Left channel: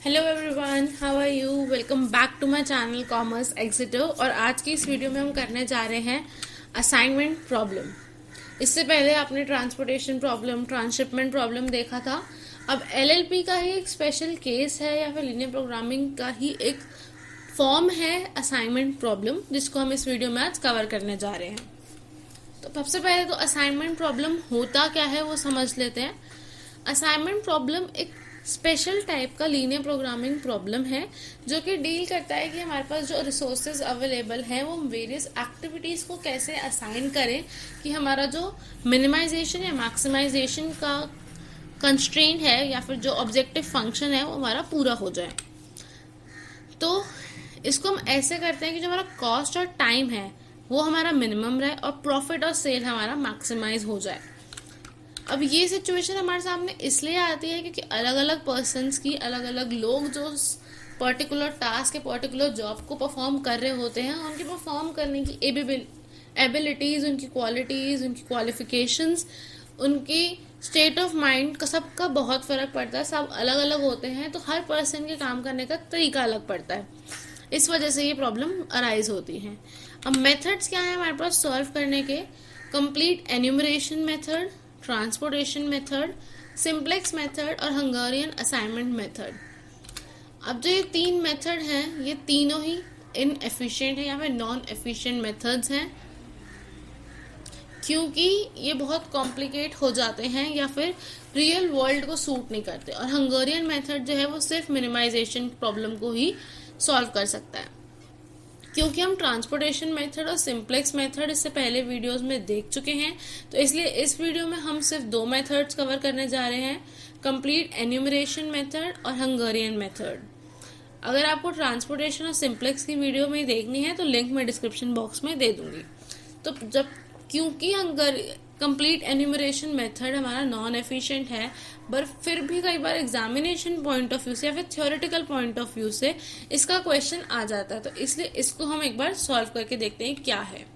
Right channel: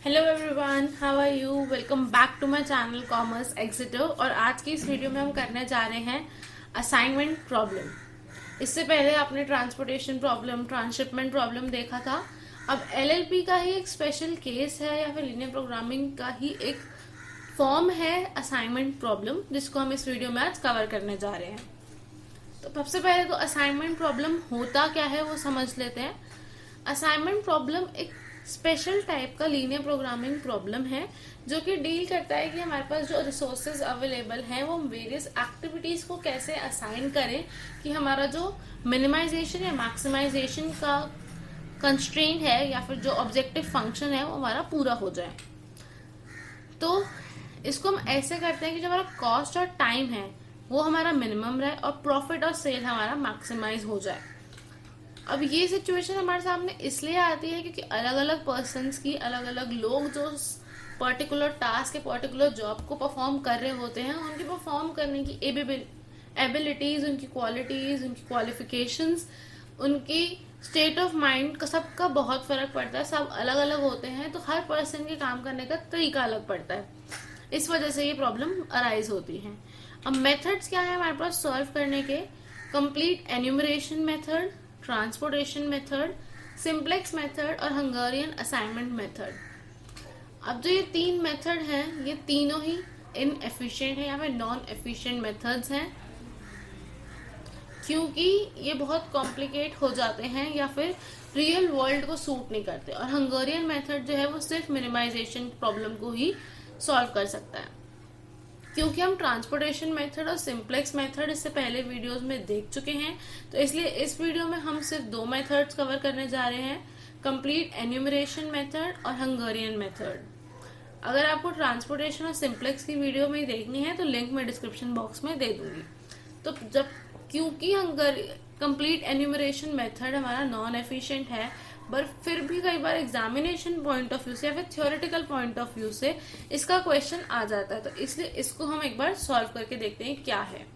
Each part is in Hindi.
Hello everyone, how are you. Welcome back to my channel commerce exciter. और आज की इस वीडियो में हम करने जा रहे हैं असाइनमेंट प्रॉब्लम। इससे पहले आपने ट्रांसपोर्टेशन प्रॉब्लम, ट्रांसशिपमेंट प्रॉब्लम देखा था। अब एलएलपी का ही एक स्पेशल केस है या फिर लीनियर प्रोग्रामिंग का ही एक फॉर्म है असाइनमेंट प्रॉब्लम, जिसको हम इस वीडियो में आज कवर करने जा रहे हैं। तो सबसे पहले तो असाइनमेंट प्रॉब्लम होता क्या है वो समझ लेते हैं। असाइनमेंट प्रॉब्लम एक स्पेशल टाइप का लीनियर प्रोग्रामिंग प्रॉब्लम है जो कि डील करता है कि हमारे पास जो रिसोर्सेज अवेलेबल हैं वो हम वेरियस एक्टिविटीज़ को कैसे असाइन करें कि हमारा जो मिनिमाइजेशन या मैक्सिमाइजेशन का कंस्ट्रेंट है या फिर जो ऑब्जेक्टिव फंक्शन है वो हमारा पूरा हो जाए। तो इसको हम ऐसे करते हैं कि जो हमारा कॉस्ट और टाइम है वो हमारा मिनिमम रहे और प्रॉफिट और सेल हमारा मैक्सिमाइज हो जाए। अब ये सिचुएशन हमारे सामने इसलिए आती है क्योंकि अलग अलग पर्सन्स की, अलग अलग लोग जो पर्टिकुलर टास्क या पर्टिकुलर जॉब को परफॉर्म कर रहे होते हैं, उनकी परफॉर्म करने की एबिलिटीज़, उनकी क्वालिटीज़, उनकी क्वालिफिकेशंस, उनकी स्टेट ऑफ माइंड का सबका बहुत फ़र्क पड़ता है। सब अलग अलग होते हैं, तो हर पर्सन के काम करने का तरीका अलग पड़ता है। इस वजह से ये प्रॉब्लम अराइज होती है। अब मेथड्स क्या है हमारे पास सॉल्व करने के? Complete enumeration method, transportation method, simplex method और हंगेरियन असाइनमेंट मेथड। अब जो ये तीन मेथड हैं ये तीनों ही इनएफिशिएंट है या फिर नॉन एफिशिएंट मेथड्स हैं, क्योंकि ये बहुत कॉम्प्लिकेट हो जाते हैं या फिर रियल वर्ल्ड को सूट नहीं करते। और हंगेरियन मेथड जो है वो सिर्फ मिनिमाइजेशन प्रॉब्लम को ही सॉल्व कर सकता है। क्योंकि हम ट्रांसपोर्टेशन मेथड और सिंप्लेक्स मेथड इससे पहले वीडियोस में देख चुके हैं, तो इसलिए इस वीडियो में हम सिर्फ दो मेथड्स कवर करने जा रहे हैं, कंप्लीट एन्यूमरेशन मेथड और हंगेरियन मेथड। अगर आपको ट्रांसपोर्टेशन और सिंप्लेक्स की वीडियो में देखनी है तो लिंक मैं डिस्क्रिप्शन बॉक्स में दे दूंगी। तो जब क्योंकि कंप्लीट एन्यूमरेशन मेथड हमारा नॉन एफिशिएंट है, पर फिर भी कई बार एग्जामिनेशन पॉइंट ऑफ व्यू से या फिर थ्योरेटिकल पॉइंट ऑफ व्यू से इसका क्वेश्चन आ जाता है, तो इसलिए इसको हम एक बार सॉल्व करके देखते हैं क्या है।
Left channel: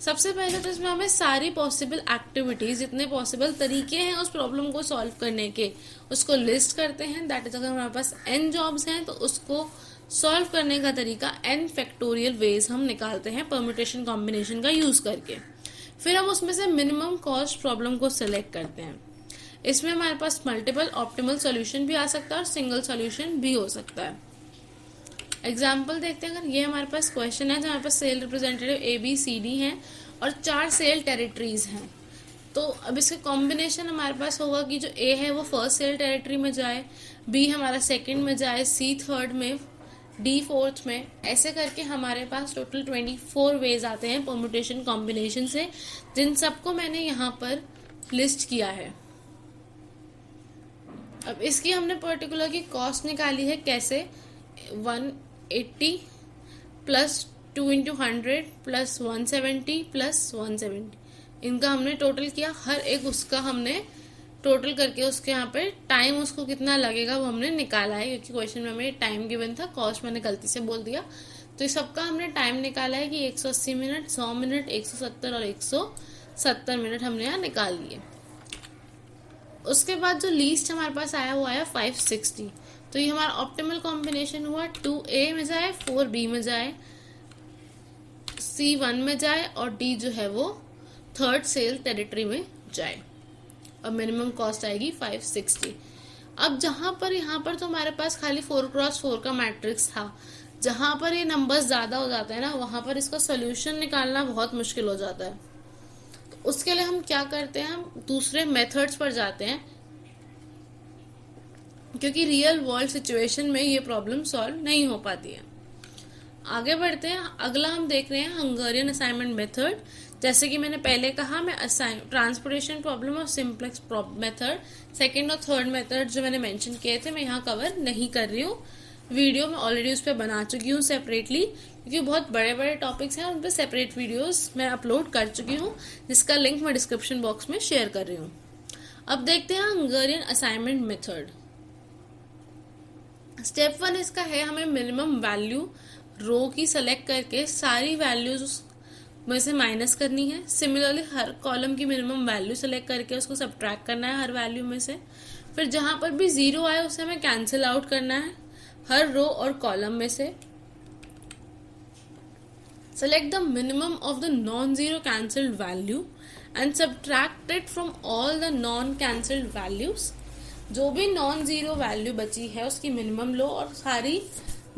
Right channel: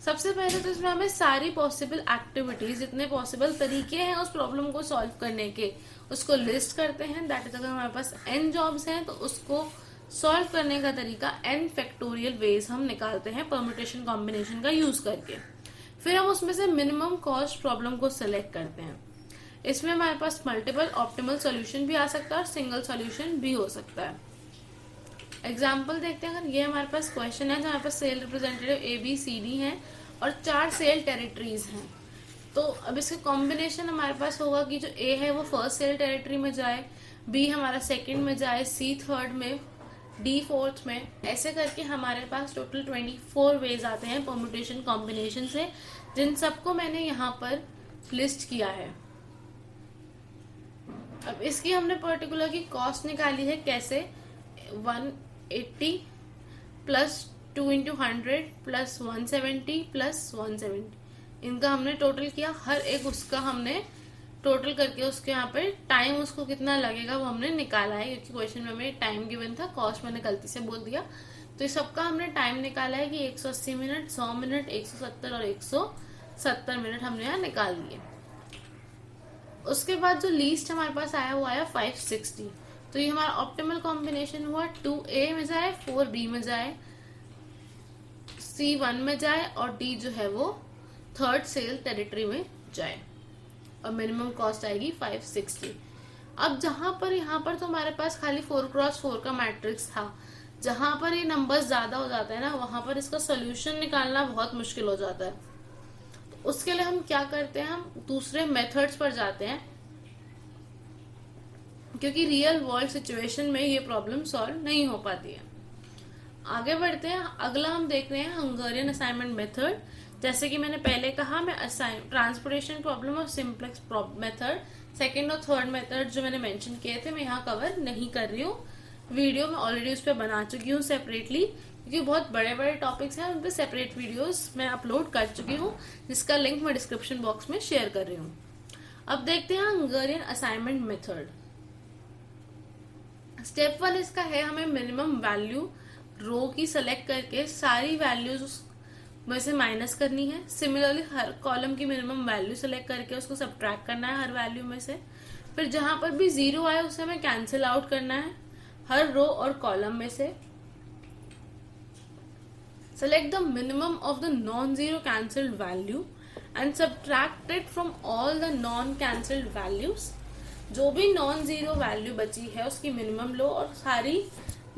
सबसे पहले तो इसमें हमें सारी पॉसिबल एक्टिविटीज, जितने पॉसिबल तरीके हैं उस प्रॉब्लम को सॉल्व करने के, उसको लिस्ट करते हैं। दैट इज, अगर हमारे पास n जॉब्स हैं तो उसको सॉल्व करने का तरीका n फैक्टोरियल वेज हम निकालते हैं परम्यूटेशन कॉम्बिनेशन का यूज करके। फिर हम उसमें से मिनिमम कॉस्ट प्रॉब्लम को सिलेक्ट करते हैं। इसमें हमारे पास मल्टीपल ऑप्टिमल सॉल्यूशन भी आ सकता है और सिंगल सॉल्यूशन भी हो सकता है। एग्जाम्पल देखते हैं। अगर ये हमारे पास क्वेश्चन है जहाँ पर सेल रिप्रेजेंटेटिव ABCD हैं और 4 सेल टेरिटरीज हैं, तो अब इसका कॉम्बिनेशन हमारे पास होगा कि जो A है वो फर्स्ट सेल टेरिटरी में जाए, B हमारा सेकंड में जाए, C थर्ड में, D फोर्थ में। ऐसे करके हमारे पास टोटल 24 वेज आते हैं परम्यूटेशन कॉम्बिनेशन से, जिन सबको मैंने यहाँ पर लिस्ट किया है। अब इसकी हमने पर्टिकुलर की कॉस्ट निकाली है कैसे? 180 प्लस 2 इंटू 100 प्लस 170 प्लस 170, इनका हमने टोटल किया। हर एक उसका हमने टोटल करके उसके यहाँ पे टाइम उसको कितना लगेगा वो हमने निकाला है, क्योंकि क्वेश्चन में हमें टाइम गिवन था, कॉस्ट मैंने गलती से बोल दिया। तो इस सबका हमने टाइम निकाला है कि 180 मिनट, 100 मिनट, 170 और 170 मिनट हमने यहाँ निकाल लिए। उसके बाद जो लीस्ट हमारे पास आया वो आया 560। तो ये हमारा ऑप्टिमल कॉम्बिनेशन हुआ 2A में जाए, 4B में जाए, C1 में जाए और D जो है वो थर्ड सेल टेरिटरी में जाए, और मिनिमम कॉस्ट आएगी 560। अब जहां पर यहाँ पर तो हमारे पास खाली 4x4 का मैट्रिक्स था, जहां पर ये नंबर्स ज्यादा हो जाते हैं ना, वहां पर इसका सोल्यूशन निकालना बहुत मुश्किल हो जाता है। तो उसके लिए हम क्या करते हैं, हम दूसरे मेथड्स पर जाते हैं, क्योंकि रियल वर्ल्ड सिचुएशन में ये प्रॉब्लम सॉल्व नहीं हो पाती है। आगे बढ़ते हैं। अगला हम देख रहे हैं हंगेरियन असाइनमेंट मेथड। जैसे कि मैंने पहले कहा, मैं ट्रांसपोर्टेशन प्रॉब्लम और सिंप्लेक्स मेथड, सेकंड और थर्ड मेथड जो मैंने मेंशन किए थे, मैं यहाँ कवर नहीं कर रही हूँ। वीडियो में ऑलरेडी उस पर बना चुकी हूँ सेपरेटली, क्योंकि बहुत बड़े बड़े टॉपिक्स हैं, उन पर सेपरेट वीडियोस मैं अपलोड कर चुकी हूँ, जिसका लिंक मैं डिस्क्रिप्शन बॉक्स में शेयर कर रही हूँ। अब देखते हैं हंगेरियन असाइनमेंट मेथड। स्टेप 1 इसका है, हमें मिनिमम वैल्यू रो की सेलेक्ट करके सारी वैल्यूज में से माइनस करनी है। सिमिलरली हर कॉलम की मिनिमम वैल्यू सेलेक्ट करके उसको सब्ट्रैक्ट करना है हर वैल्यू में से। फिर जहां पर भी जीरो आए उसे हमें कैंसिल आउट करना है। हर रो और कॉलम में से select the minimum of the non-zero cancelled value and subtract it from all the non-cancelled values. जो भी नॉन जीरो वैल्यू बची है उसकी मिनिमम लो और सारी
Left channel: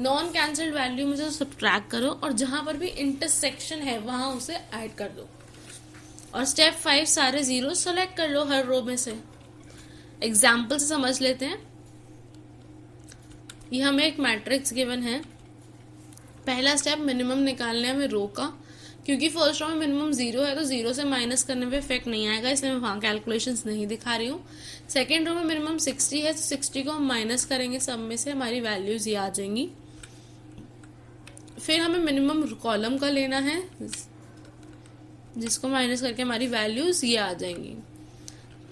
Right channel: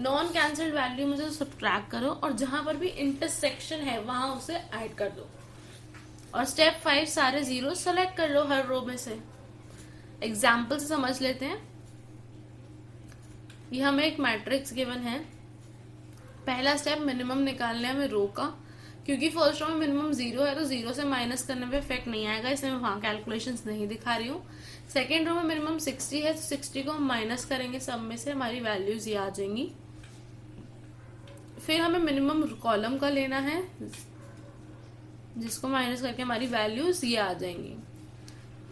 नॉन कैंसल्ड वैल्यू में से सब्ट्रैक्ट करो और जहां पर भी इंटरसेक्शन है वहां उसे ऐड कर दो। और स्टेप 5 सारे जीरो सेलेक्ट कर लो हर रो में से। एग्जाम्पल से समझ लेते हैं। ये हमें एक मैट्रिक्स गिवन है। पहला स्टेप मिनिमम निकालने हमें रो का, क्योंकि फर्स्ट रो में मिनिमम जीरो है तो जीरो से माइनस करने पे इफेक्ट नहीं आएगा, इसलिए मैं वहाँ कैलकुलेशंस नहीं दिखा रही हूँ। सेकेंड रो में मिनिमम 60 है तो 60 को हम माइनस करेंगे, सब में से हमारी वैल्यूज ये आ जाएंगी। फिर हमें मिनिमम कॉलम का लेना है जिसको माइनस करके हमारी वैल्यूज ये आ जाएंगी।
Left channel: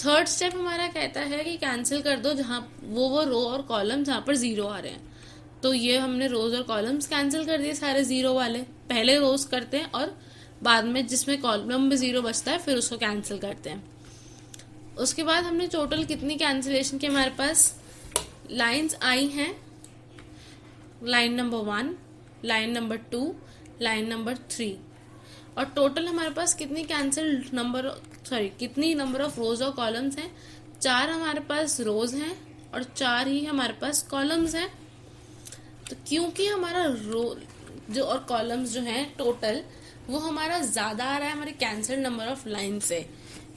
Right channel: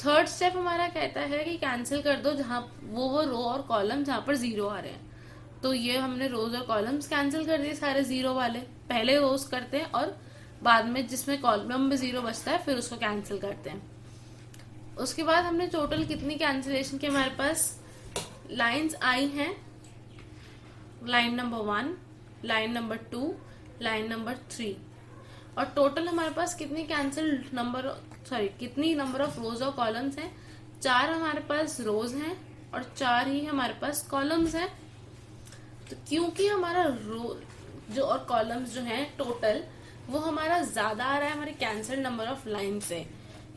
थर्ड स्टेप हमारा कहता है कि कैंसिल कर दो जहाँ वो रो और कॉलम जहाँ पर जीरो आ रहे हैं। तो ये हमने रोज और कॉलम्स कैंसिल कर दिए सारे जीरो वाले। पहले रोज करते हैं और बाद में जिसमें कॉलम में जीरो बचता है फिर उसको कैंसिल करते हैं। उसके बाद हमने टोटल कितनी कैंसिलेशन की हमारे पास लाइंस आई हैं, line number 1, line number 2, line number 3, और टोटल हमारे पास कितनी कितनी नंबर ऑफ रोज और कॉलम्स हैं। 4 हमारे पास रोज हैं और 4 ही हमारे पास कॉलम्स हैं। तो क्योंकि हमारा रो जो और कॉलम्स जो हैं टोटल वो हमारा ज्यादा आ रहा है हमारे कैंसिल नंबर ऑफ लाइन से,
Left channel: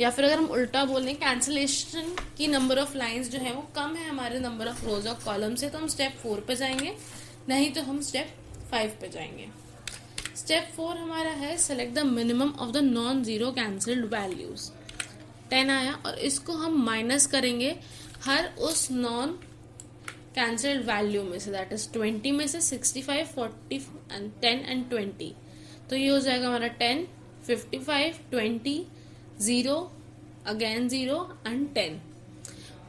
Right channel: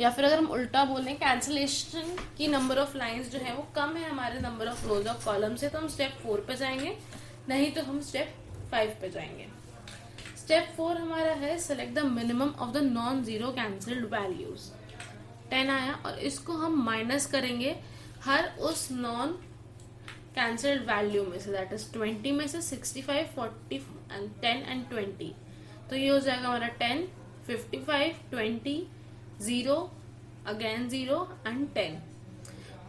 या फिर अगर हम उल्टा बोलें कैंसिलेशन की नंबर ऑफ लाइंस जो है वो कम है हमारे नंबर ऑफ रोज और कॉलम से, तो हम स्टेप 4 पे जाएंगे, नहीं तो हम स्टेप 5 पे जाएंगे। स्टेप 4 हमारा है select the minimum of the non zero cancelled values. 10 आया और इसको हम माइनस करेंगे हर उस नॉन कैंसिल्ड वैल्यू में से, दैट इज 20 में से 65, 40 एंड 10 एंड 20। तो ये हो जाएगा हमारा 10, 55, 20, 0, अगेन 0 एंड 10।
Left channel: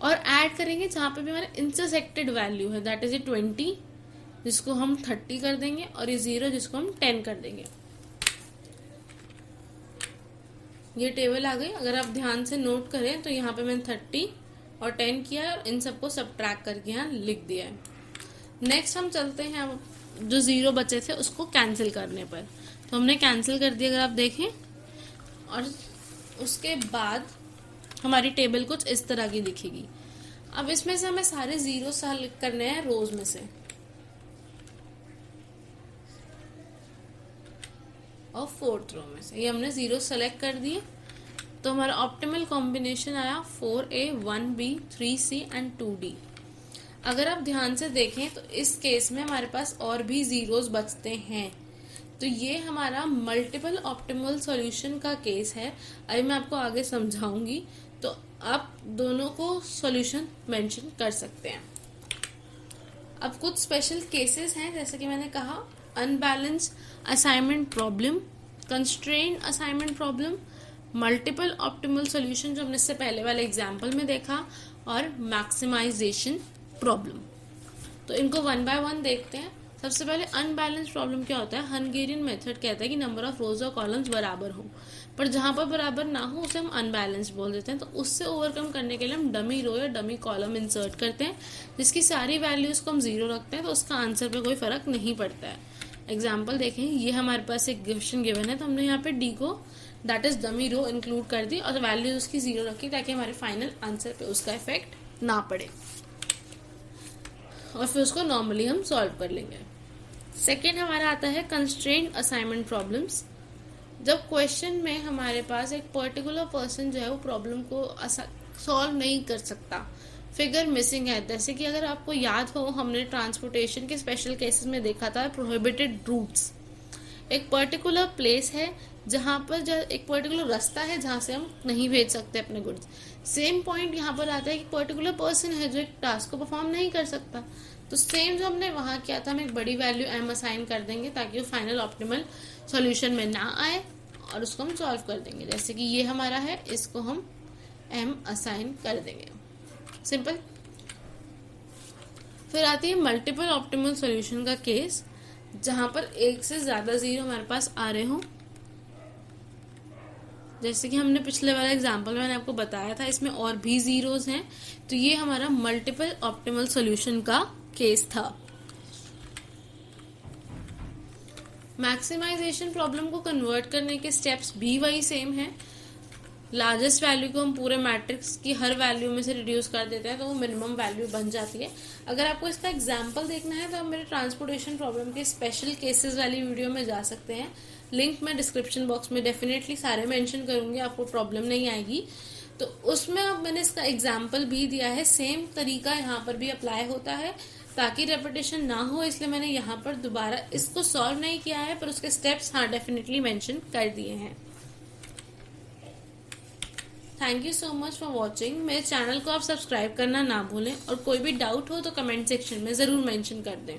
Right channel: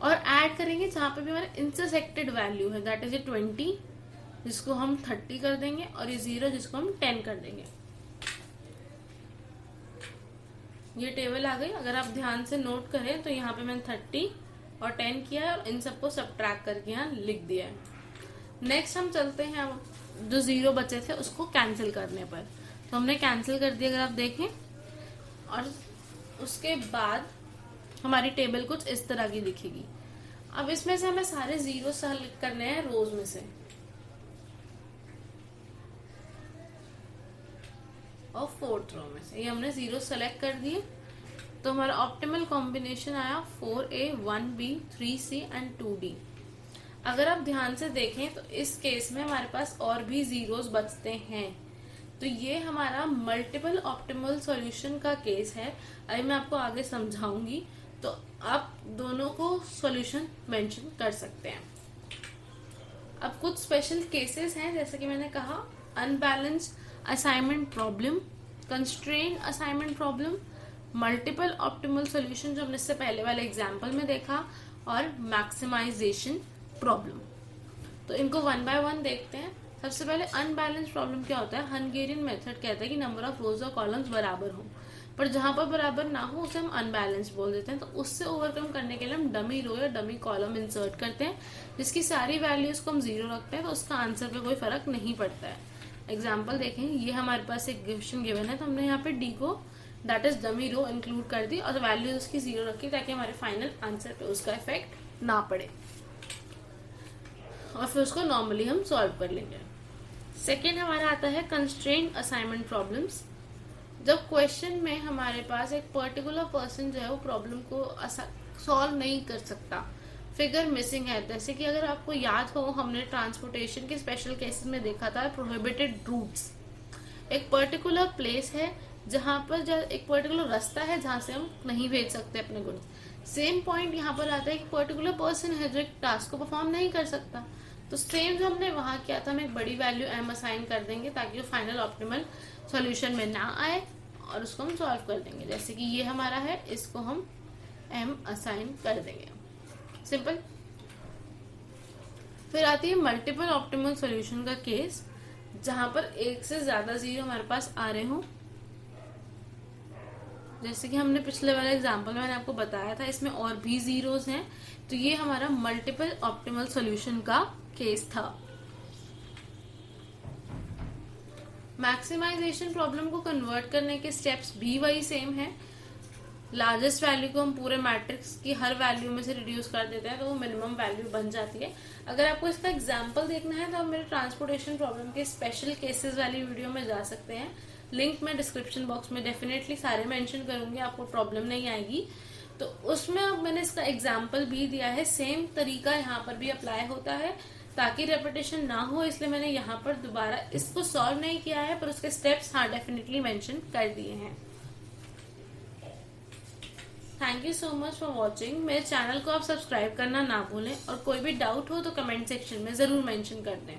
और ऐड करेंगे जहां पे भी हमारा इंटरसेक्टेड वैल्यू है, दैट इज ये 20 जिसको हम 30 कर देंगे और ये 0 जिसको हम 10 कर देंगे। ये टेबल आ गई। अगर आप ध्यान से नोट करें तो यहाँ पे मैंने 30 और 10 किया है और इन सबको सब्ट्रैक्ट करके यहाँ लिख दिया है। नेक्स्ट हम चलते हैं जो 0 बचे थे उसको कैंसिल करने पर। तो हमने कैंसिल कर दिया अगर आप देखें, और उसके बाद हमारी टेबल कुछ इस तरह की दिखेगी। अब इसमें से हमें सारे 0 सेलेक्ट करने हैं रोज में से और 4th रो में से। ये हमने 0 सेलेक्ट कर दिए तो हमारा ऑप्टिमल कॉम्बिनेशन आया 4A, 1B, 3C and 2D। अगर आप ध्यान से देखें तो इस केस में हमारे पास और भी जीरोस बचते हैं, तो ये हमारा मल्टीपल ऑप्टिमल सॉल्यूशन का केस है। अभी मैं आपको आगे समझाऊंगी, तो आप दोनों को सॉल्यूशन मेंशन कर सकते हैं। अब कुछ स्पेशल केसेस हैं, जैसे कि मैंने कहा unbalanced assignment problem, constrain assignment problem, multiple optimal solution जो हमने इससे पहले वाले एग्जाम्पल में देखा, और मैक्सिमाइजेशन प्रॉब्लम। तो इनको 1 बाय 1 देखते हैं। सबसे पहले अनबैलेंस प्रॉब्लम क्या होता है। हंगेरियन मेथड कहता है कि नंबर ऑफ रोज और कॉलम्स बराबर हो, पर जहां पर बराबर ना हो उसे हम अनबैलेंस बोल देते हैं। तो उससे ओवरकम करने के लिए हम डमी रो या डमी कॉलम इंसर्ट करते हैं जिसकी सारी वैल्यूज को हम 0 रखते हैं, तो उसका आंसर पे कोई फर्क नहीं पड़ता है। एग्जाम्पल देखें, ये हमारे पास एक क्वेश्चन गिवन है तो हमने यहाँ पे डी को that is dummy row include कर दी और वैल्यूज उसकी 0 रखी ताकि हमारे फाइनल आंसर पे उसका इफेक्ट ना पड़े, और फिर उसको नॉर्मली हम सॉल्व कर लेंगे। सेकेंड हमारा आता है कंस्ट्रेंट असाइनमेंट प्रॉब्लम्स। जब क्वेश्चन में हमारे पास एक पर्टिकुलर पर्सन जो है वो प्रॉब्लम को सॉल्व नहीं कर सकता, फिगर मिसिंग है। जैसे कि अगर आपको याद हो, हमने ट्रांसपोर्टेशन के स्पेशल केसेस में देखा था प्रोहिबिटेड रूट्स। एक पर्टिकुलर प्लेस है जहाँ पर एक पर्टिकुलर रास्ता है जहाँ से हम नहीं भेज सकते अपने गुड्स। सेम पॉइंट यहाँ पर आता है कि पर्टिकुलर पर्सन है जो एक टास्क को परफॉर्म नहीं कर सकता, तो सेम जो हमने वहाँ किया था, हम एक बड़ी वैल्यू m असाइन कर देंगे ताकि वो फाइनल ऑप्टिमल सॉल्यूशन में ना आए और उसको हम सॉल्व कर देंगे। जैसे कि ये हमारा है, इसको हम m असाइन कर देंगे, सिंपल। फिर आती है मल्टीपल ऑप्टिमल सॉल्यूशन का केस, जहां पर एक से ज्यादा जीरो हमारे पास आ रहे हों। जैसे कि हमने पिछले वाले एग्जांपल में मैंने आपको बताया था, इसमें और भी जीरोस हैं, तो ये हमारा मल्टीपल ऑप्टिमल सॉल्यूशन का केस था। मैक्सिमाइजेशन प्रॉब्लम को कन्वर्ट करने के स्टेप्स भी वही सेम है। लार्जेस्ट वैल्यू को हम पूरे मैट्रिक्स की हर वैल्यू में से रिड्यूस कर देते हैं तो वो मिनिमम वैल्यू बन जाती है। अगर आपको इसका एग्जांपल देखना है तो आप मेरे ट्रांसपोर्टेशन प्रॉब्लम के स्पेशल केसेस वाली वीडियो में जा सकते हैं। लिंक मैं डिस्क्रिप्शन बॉक्स में डेफिनेटली सारे मेंशन करूंगी, आपको प्रॉब्लम नहीं आएगी। तो उसमें अब मैंने इसका एग्जाम्पल भी दिया है। सेम तरीका यहाँ पर भी अप्लाई होता है ताकि रेपिटेशन ना हो, इसलिए मैंने यहाँ पर दोबारा इसको सॉल्व नहीं किया है, पर उसके स्टेप्स हाँ डेफिनेटली मेंशन कर दिए हैं। Thank you so much for watching. मेरे चैनल को आप सब्सक्राइब करना ना भूलें और कोई भी डाउट हो तो कमेंट सेक्शन में ज़रूर मेंशन कर दें।